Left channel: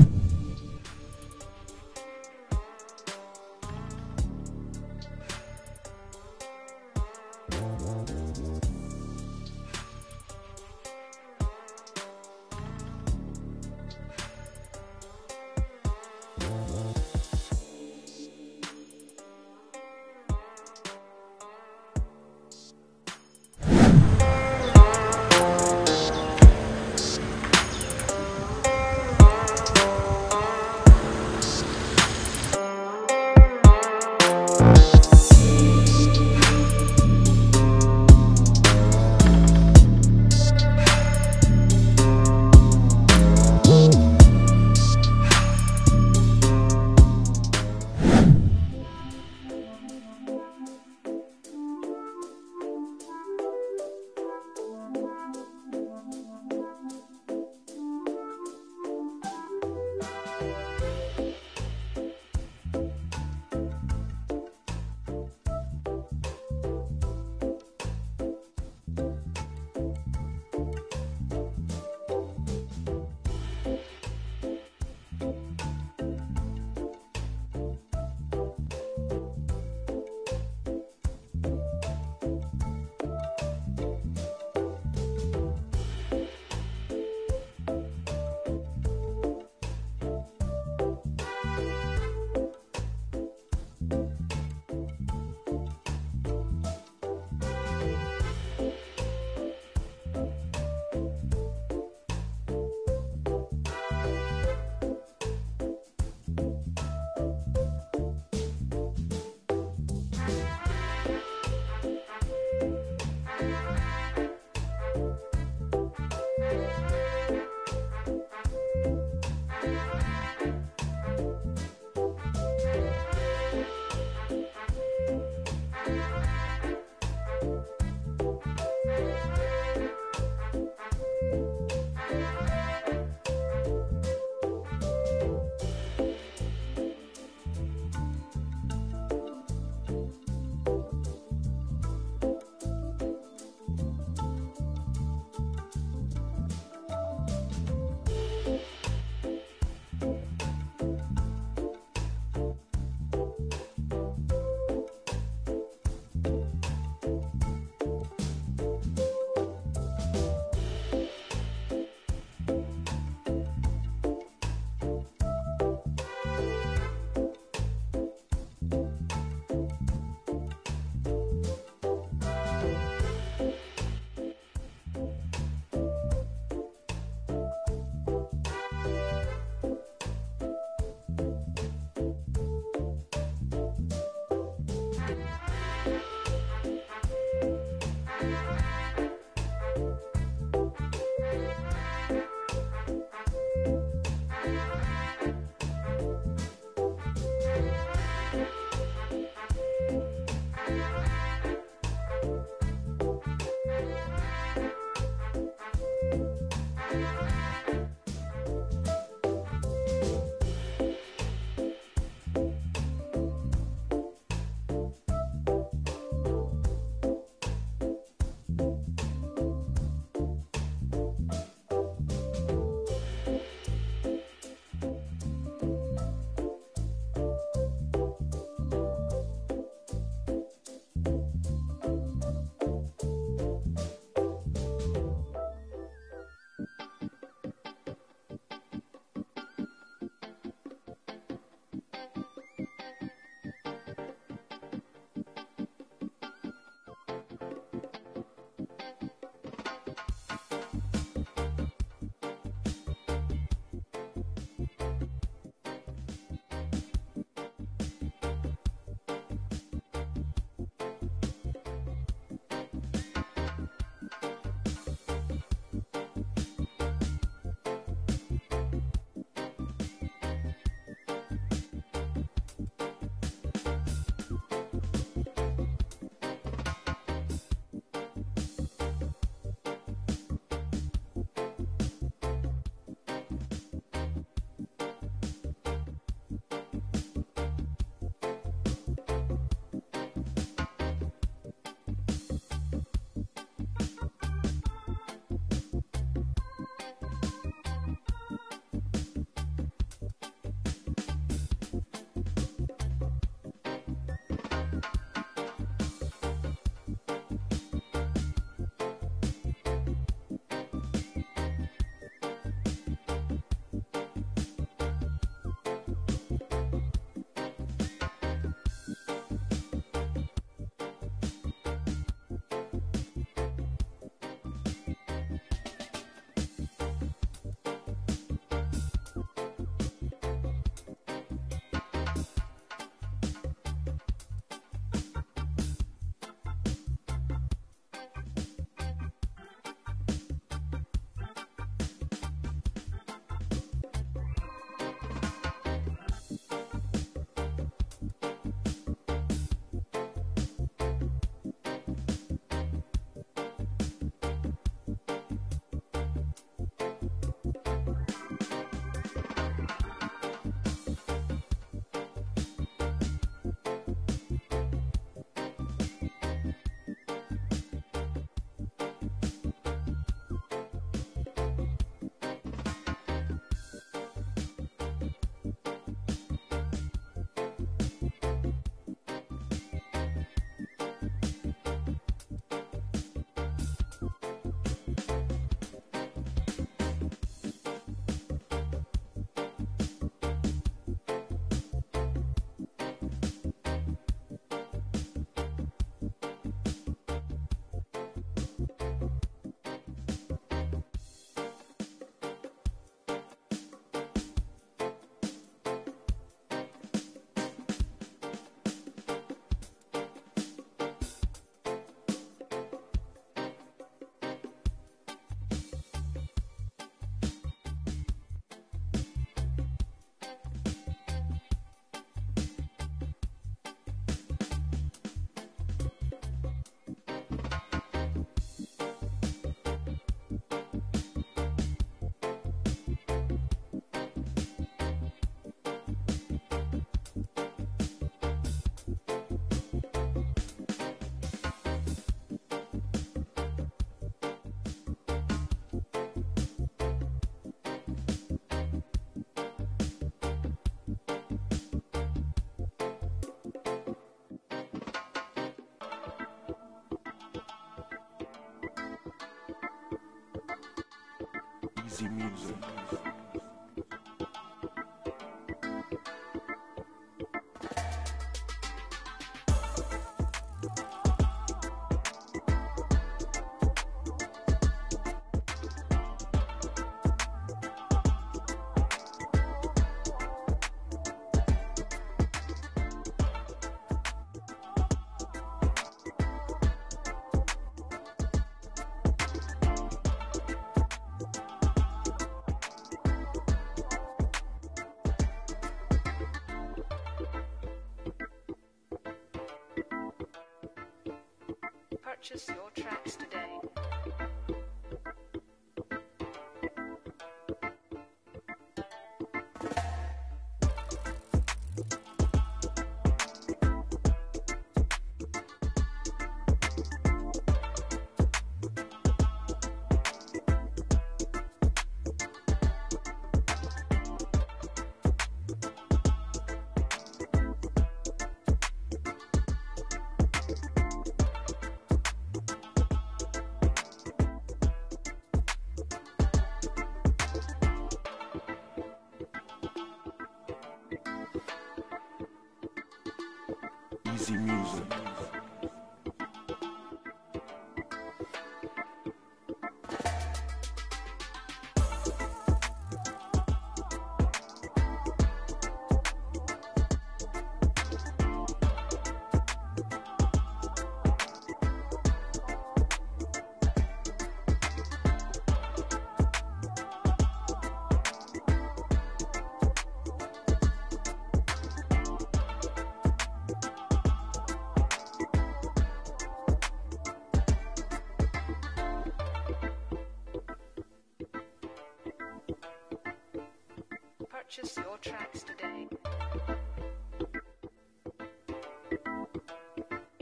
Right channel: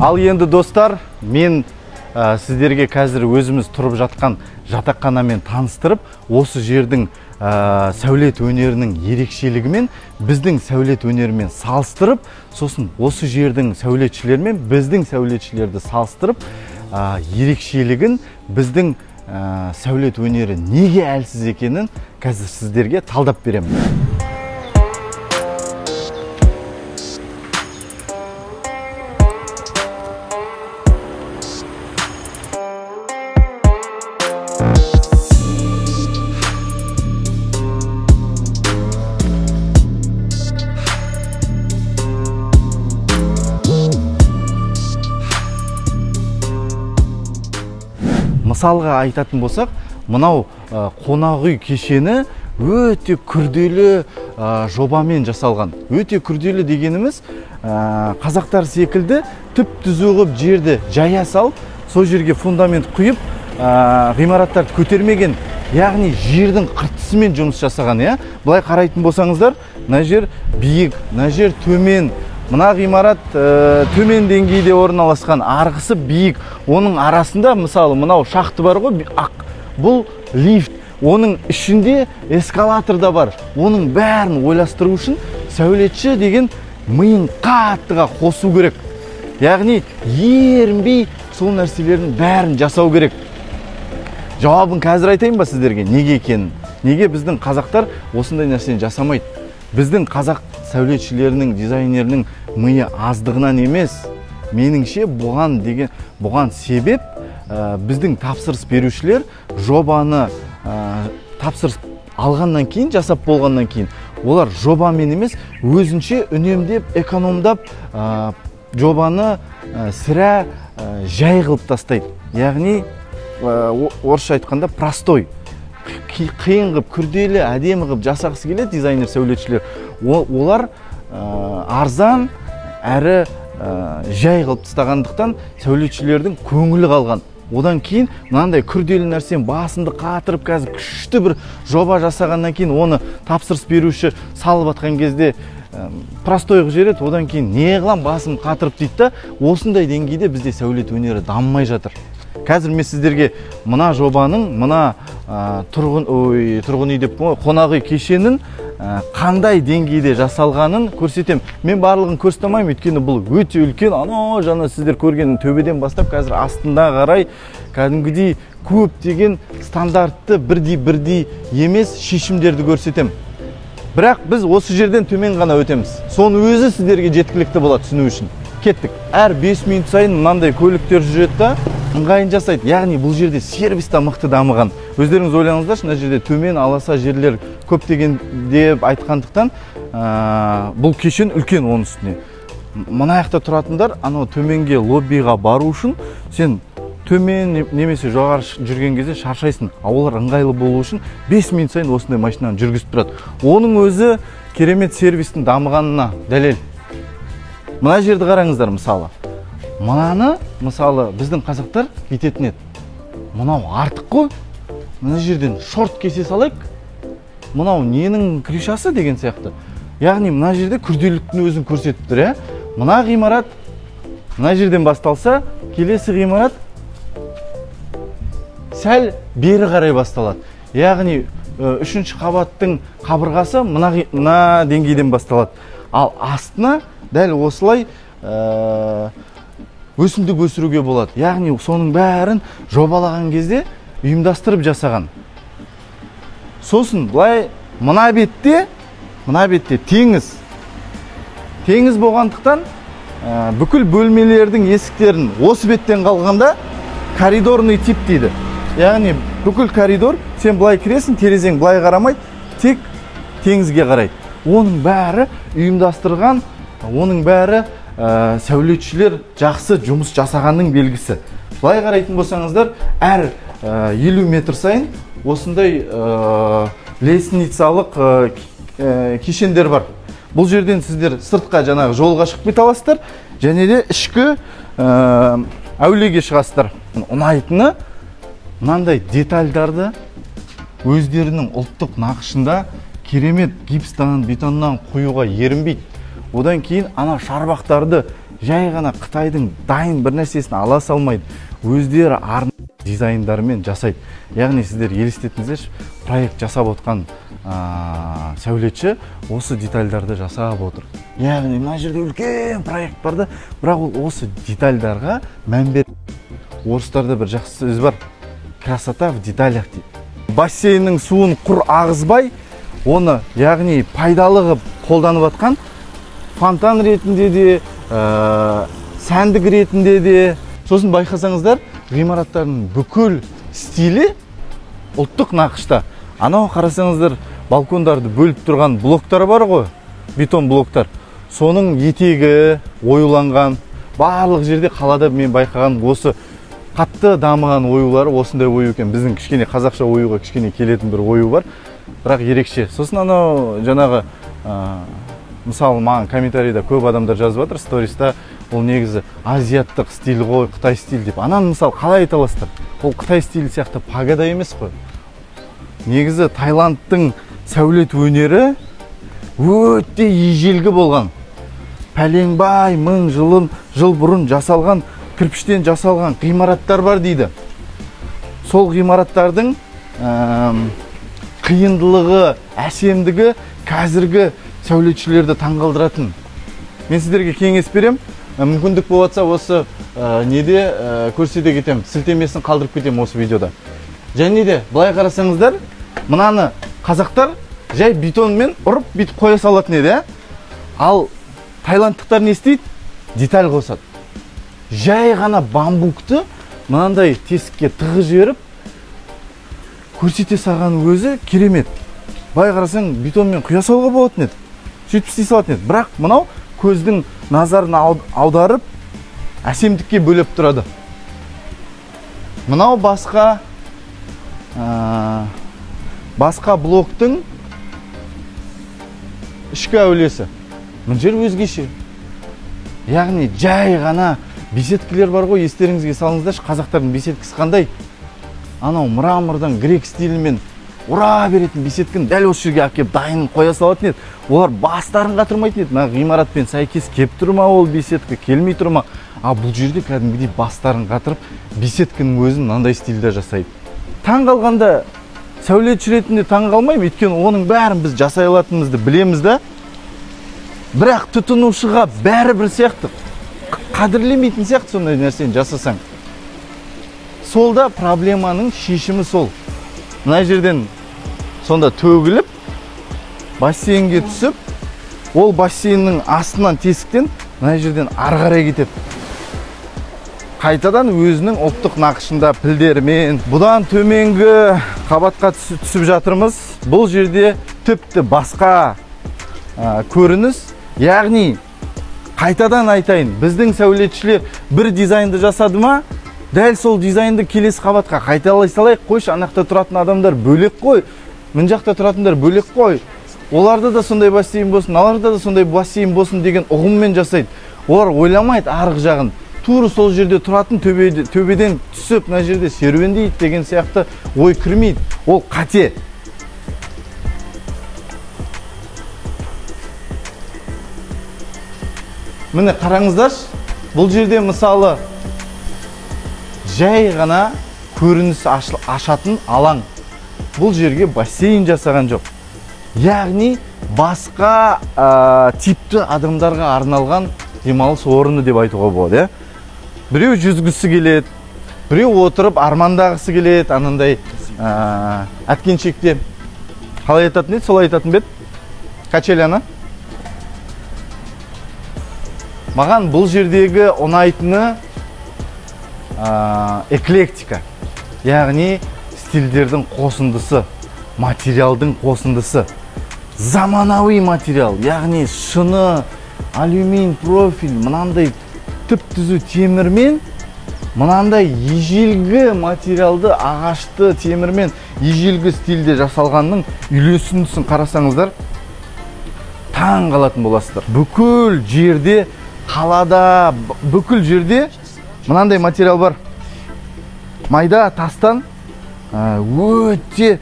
Ал енді достар, мен сіздерге қазір өзіміз тұрып жатқан жатақханамен таныстырып, осы жердің сәулет өнерінің ерекшелігімен біздің сәулет өнерімен салыстырып, сосын осы жердің сәулетшілерімен біздің сәулетшілерді салыстырып, ерекшелігін, біздің сәулет өнері неге әлсіз екенін қазір сіздерге талдап беремін. Мысалға айтатын болсақ, мынау қонақ үй кешені өте күрделі жобамен жасалған. Өте күрделі дегеніміз, қазақтар секілді түп-түзу ғып жерді жая салып, сол жерге фундамент құйып, ғимараттар көтермеген, яғни жердің қыртысымен жұмыс жасаған. Бұлай қарайтын болсаңыздар, мына жер биік, мына жер төмен. Мына ғимарат төмен деңгейде орналасқан, арғысы биік. Оның арасында, мысалы, мынау шахты бар ғой, бұл лифт. Оның ішінде эскалатор да бар. Оның бәрін ойластыру үшін сәулетші деген миын қаттыға қосу керек. Яғни, ерінбей сол нәрселердің бәрін жасау керек. Жауабын қазір айтайын ба сіздерге? Неге екенін? Неге біздің қазақтар осындай нәрсені жасамайды? Біздің қазақ сәулетшілерінің, дизайнерінің миы аздығынан емес, меніңше бұған себеп біздің тапсырыс берушілер жобаны тапсырыс алғаннан кейін, жасап болғаннан кейін, олар жобамен емес, өзінше үнемдеп, экономдап жобаны сірә жай қылып тастайды. Яғни, орысша айтқанда простой. Қиын ғып, күрделі, әдемі ғып жасақсы келеді дизайнер сәулетшілер. Олар арзан әрі жай қылып тастағандықтан сәулетшілердің көңілі қалған. Одан кейін мынандай күрделі нәрсені басынды қатырып, қазір күшті бір жоба жасағаннан кейін оны тапсырыс беруші салып атқан кезде простой жерет, одан кейін не қылам басым қатырып дейді да, осындай деңгейде бізде сәулет өнері дамымай жатыр. Қазір мен сіздерге мына жобаның, мына тұрғын үй деп қонақ үй кешенін қандай деңгейде жасалғанын көрсетем. Мен барлығын көрсетемеймін, өйткені бұл өте үлкен, жаңа сіздер көрген төбеден бастап қазір астында қарай кәдімгідей көптеген стандартты бірдей емес шешімдерді көрсетем. Бірақ біз осы жерден төмен ғана өтеміз. Соны өзі сіздерге жеткілікті болады түсіну үшін. Кеттік. Әр 5 минут сайын мынандай көліктер жүреді да, ыңғайын жасайды. Яғни бұл жерде сервис та мықты дамыған. Өздеріңіз ойлаңыздаршы, мына жерде төмен аласа жерлер көптеген деп айтқандықтан, бұл кешен үлкен оның үстіне. Мына жақта тұратындар, анау төменге лоббиға бару үшін сен төмен немесе жоғары жүрген кезде шаршайсың. Олар ыңғайлы болу үшін 5 минут сайын осындай машинаны жүргізіп тұрады. Оның өзі керемет сервистің дамығанына дәлел. Мына жерді қараңыздар, мысалы. Мынаны, мысалы, біздің қазақтар бүйтетін еді. Мынау артық қой. Мына жерден шорт кесе салайық. Мынау ненің крышасы деген сияқты. Яғни, мына жерде күрделіліктің өзін көрсетіп тұр. Мына ғимарат, мына жерден басталса, келесі ғимарат сәл бері қарай басталады. Яғни, 3-ші қабаттың қабырғасы мына деңгейден басталады. Ал астына дәл осылай өсімдік өсіруге болады. Яғни соның бәрін жобалаған кезде ұйымдастырып жасаған. Сосын былай мына бетте теңіз. Теңіз болғандықтан бүкіл бөлмелердің есіктерін осы беттен қалғанда коридорный тип дейді. Яғни бүкіл коридор, сен былай кіресің, терезең былай қарамайды, тек теңізге қарайды. Оның бәрі ұйымдастырған, оның бәрі сәулетшілер жақсы жұмыс жасағанның белгісі. Былай қарайтын болсаңыздар, әр 50 метр сайын осындай лестницалық кешендер бар. Бұл жерден сіздер сыртқа жаңағы жолға шығып кете аласыздар, және де ішкі әулиеге шығасыздар. Ұнайтыны мынандай детальдарды өздерінің ұлттық нақышында керемет гипстан, бетоннан қоюға ерінбейді. Одан кейін ана шарбақтарды жай ғана Қытайдың дайын бір нәрсесін ала салмайды, өздері арнайы дизайндарымен жасайды. Яғни сіздер елестетіңіздерші, проект жасап отқан сәулетші осы детальдарды жасап отыр. Яғни мына жерде үлкен проект барды, бірақ ол осы детальдарға мән беріп. Орыстарда бір жақсы сөз бар, красота в деталях дейді. Бассейннің суын құр ағызбай, оны яғни пайдалы қылып қолданып жатқан фонтан ретінде де, сәндік ретінде де. Сосын байқасаңыздар, ғимараттардың бүкіл стилі ұлттық нақышта. Анау қарасаңыздар, балкондарды бөліп тұрған блоктар бар ғой, бетон блоктар. Соның етегі оюланған. Барлық жерде қалада мен байқаған осы қатты дамыған оюлары осындай ою екен. Біздің кішкене қазақша оюға кішкене келетін бір ою бар, бірақ ерекше. Сосын анау жаңағы мысалы маған комментарийда көп адамдар жазып жатыр, сториста, ол негізі азиаттық стиль ғой, Қытай стиль деп. Ананы мысалы қалай айта аласыздар? Ол Қытай стилі сияқты пагода емес қой. Негізі Таиландтың сәулет өнері өте ежелгі болған. Пәленбай мың жыл бұрын жасалған, кірпіштен жасалған ғимараттар бар дейді. Сол ғимараттардың қиындылығы, әсемдігі қазіргі сәулетшілерді таңғалдыратын. Мен сіздерге кеңес берем, мүмкіндік болатса осы неде көрсете кетем, сілтемесін қалдырып кетем осы видеода. Және де былай қарасаңыздар, мынаны қазақтар жай бетонмен ұрып бүйтіп қоя салатын еді, ал тайландтықтар не істейді? Деталь қосады. Жай ғана бамбукты мынандай тесікке тығып жіберіп көрсете салған өзі керемет. Бай қарасаң бетонмен құя салуға болатын еді, сөйтіп істей салатын еді. Бірақ мынау көздің назарын аударып әсемдікке бөлеп тұрады. Мынау басқа блоктың ішкі әулесі. Мына жер өзгеше. Яғни жай ғана беседкілер бар ғой, естеріңізге салыңыздаршы, қазақтардың беседкісі қандай? Анау мрамордан грек стилімен ұра беретін беседкін дәл осы жерге әкеп дайын қоя салатын еді. Олар бастарын қатырмайтын еді. Мына ғимаратпен сәйкес кеп тұрма ол беседкі, келмей тұрма. А бұл жерде кәдімгідей бастарын қатырып, беседкінің өзін мынандай стильде жасайды. Таң қалғанда сәулетші ретінде таң қалмаймын, өйткені оның бәрін біз жасай алатынымызды білеміз да. Бірақ тұтынушыға бәрі бір сияқты, қадірлемейтін сияқты сондай нәрсені жасасаң. Солда проблеманың шешімі сол. Мына жерден сонда төгіліп, бассейнге түсіп, ол бассейннің астынан тесіктен мына жерден ары қарай кетеді. Қайтадан өзінің ұлттық нақышында пілдермен бұдан төменгі қабатқа түсіп жатырмыз. Бұл жерде тіпті басқа көрініс. Яғни қайтадан айтайын, біздің сәулетшілер бір дизайнды жасады ма, дәл сол дизайнды келесі қабатқа қайталай салайық, қойшы, анақта тұратын адамдар бөлек қой, мына жақта тұратындар бөлек қой. Оларда да сондай бассейн болсын, аларда да сондай бассейн болсын деген ұғыммен жасайды. Олар ойламайды арғы жағын. Тура сол жерде тұратын төбеден түсіп, мына жерде серуендейді деген сияқты ой кірмейді. Ол қате. Міне қараңыздар, бұл жерде мысалы жай ғана көрініс ашатын алаң. Бұл жерге бассейн жасаған жоқ. Яғни басқа типті адамдарға арналған демалыс орны деп айтуға болады. Біреу жүзгісі келеді, біреу отырып армандағысы келеді, анандай әткеншекте. Қалай айтатын еді, солай айтатын бет? Качеляны. Маған бұл жердегі ұнайтыны эклектика. Яғни стильдердің қосындысы, материалдың қосындысы. Заманауи материал, яғни шыны, алюмин профиль, мынандай түп-түзу темірмен, мынандай ежелгі материалды, ағашты темірмен ежелгі стильде жасалғанның үйлесіндісін қарасаңыздар, таң қалатын боласыздар. Бүкіл жерде, қалада, бүкіл жерде мынандай материал бар. Майда тастан өте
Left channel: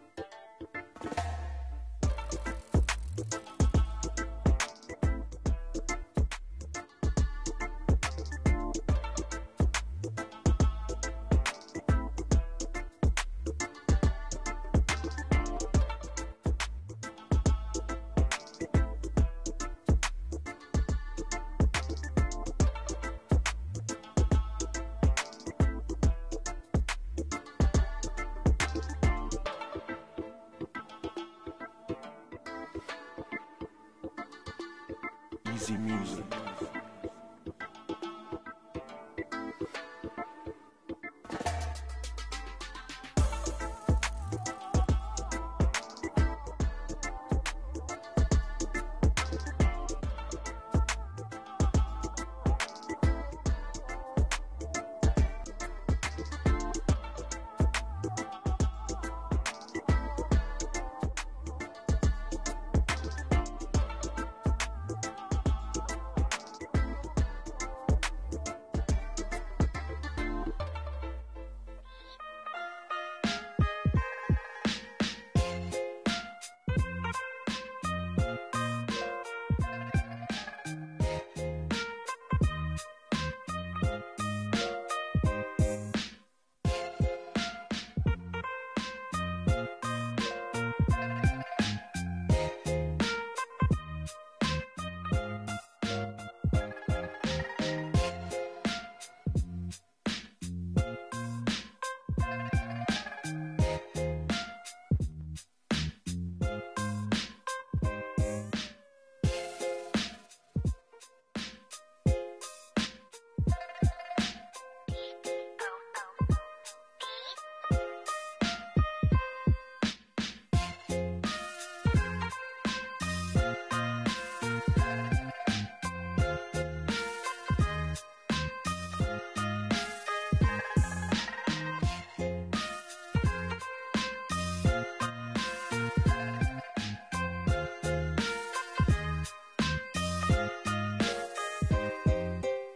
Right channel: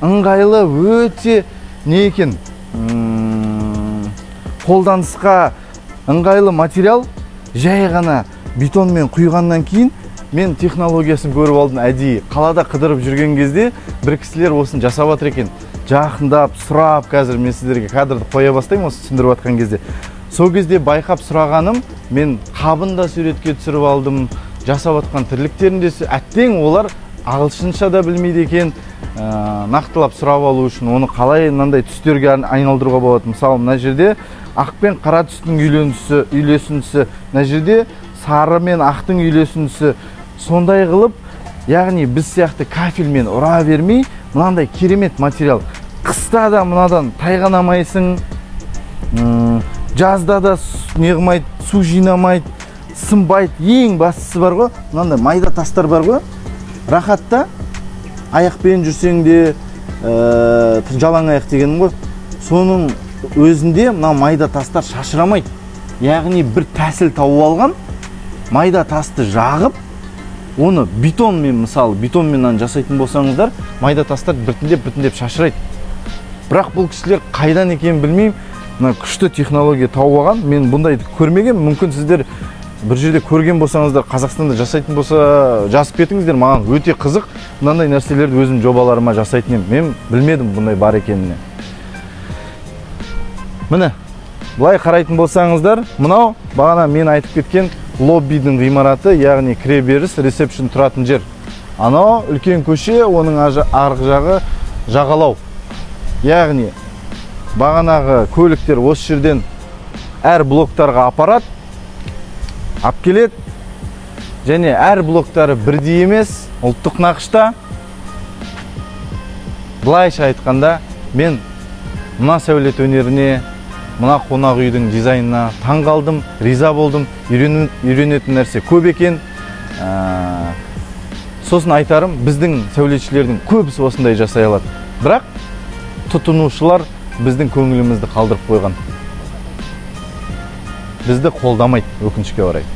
ыңғайлы, өте не екен, қолданысқа ыңғайлы материал, жай ғана бетонмен құйғаннан кейін мен технологиясын көріп алдым әдейі. Қалада қыдырып жүрген кезде бір кісілер осын жасап жатыр екен. Жақындап, сұрап, қазір мен сіздерге кадрды қоя бастаймын осы түсіндіріп жатқан кезде. Сол кезде байқап сұрағаным, мен қабын да суретке түсіріп алдым, жасап жатқан тірліктерін де, әттең олар ағылшынша да білмейді екен. Нақтылап сұрап алу үшін оны қалай мынандай түстерге айналдыруға болады. Мысалы, мына жерде ақ пен қара түстің үйлесіндісі, мына жерде сары мен ақтың үйлесіндісі. Сондай қылып, яғни біз сияқты кафельмен ұра бермей, мынандай керемет материал. Қыста да мынадан тайғанамайсың, жазда да неғымайды, су жинамайды, сынбайды. Ең бастысы бар ғой, мынандай майда тастар бар ғой, рахатта аяқпен жүрсең де, жалаң аяқ дегенім ғой, соның өзінде мына майда тастар шашырамайды. Яғни бір тәсіл тауып алған, майда тасты жағып, оны бетонмен, мысалы, бетонмен жасайтын болсаңыздар, майда тастар біртіндеп шашырайды. Бірақ бұл кісілер қайдан екенін білмеймін, күшті технология тауып алған. Мен бұндайды көрмеген, мүмкін сіздер бір жерде көрген болсаңыздар, Қазақстанда жасайтын болса, жазып кетіңіздер. Маған өте қызық, мынандай нәрселерді өзім жобаларыма жасайтын едім. Мен білмедім бұндай бар екеніне. Міне, былай қарайтын болсаңыздар, мынау бағана мен айтып кеткен лоббидің ғимараты, яғни кіреберіс, ресепшн тұратын жер. Анау үлкен көше, оның арғы жағы жағалау. Яғни бағанағы көліктер осы жерден әр блоктарға апарат, ап келет, және әр блоктары бірдей емес, ұлттық нақышта. Былайша айтқанда, мен мына сәулет өнеріне, мына қонақ үйдің дизайнына таң қалдым, риза болдым. Үйренетін нәрсе көп екен. Сосын айтарым, біздің сәулетшілердің көбісі осындай жасай алады. Бірақ тұтынушылар біздің көңілімізді қалдырып қойған. Бізді қолдамайды, өкінішке орай.